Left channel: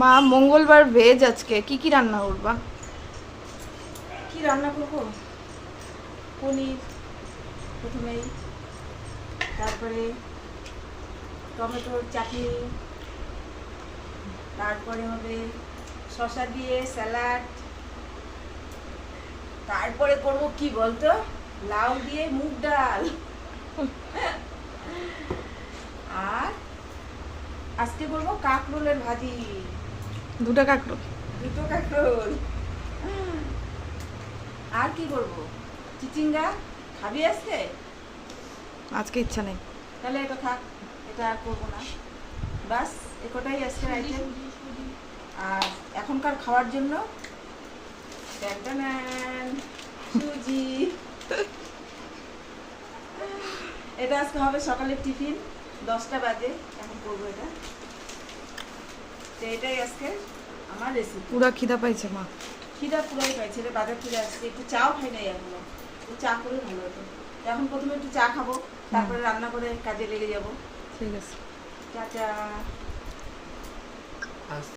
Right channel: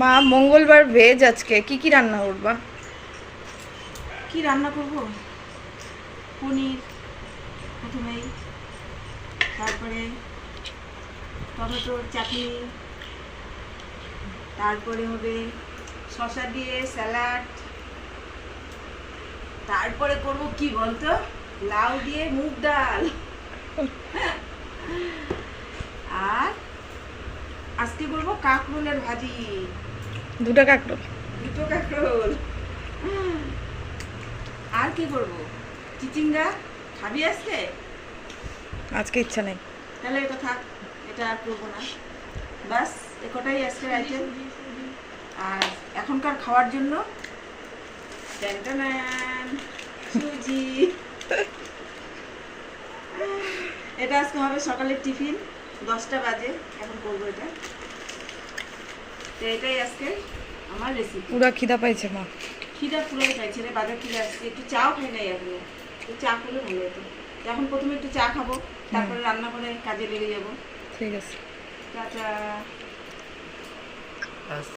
মা মঙ্গলবার ভেজ, আজকে কি কি রান্না করবা? কি রান্না করব? পনির প্রথমেই, তারপরে টমেটোর চাটনি, তারপরে হবে শসা দিয়ে স্যালাড, তারপরে করব কি বলতো, লাউ দিয়ে মুগ ডাল। আর আজকে করব কাঁকরোলের ভাজি। দুটো কাঁকরোল? দুটো কাঁকরোল। আর কি করব? চিচিঙ্গা। খাবি আজকে? আজকে ইচ্ছা নেই। তাহলে এটা থাক, এটা আর করবো না। বাস একটাই আজকের আইটেম। আর এখনকার খাওয়ার জন্য ট্যান্টানান, সুজি। এটা আজকে হবে সকালের টিফিন, 10টা বাজে এখন করবো এটা। তো এটাই আজকে আমার রেসিপি। পুরা খিদা পাইছে মা। খিদা পুরোই পাইছে রে, বাজার থেকে আসছে, একটু চাও খাই নাই এখনো। একটু চা করলে ভালো হতো। তো এখন প্রথমে একটু চা খাবো, তারপরে রান্না করে কাজে লেগে যাবো। ঠিক আছে। চা চা।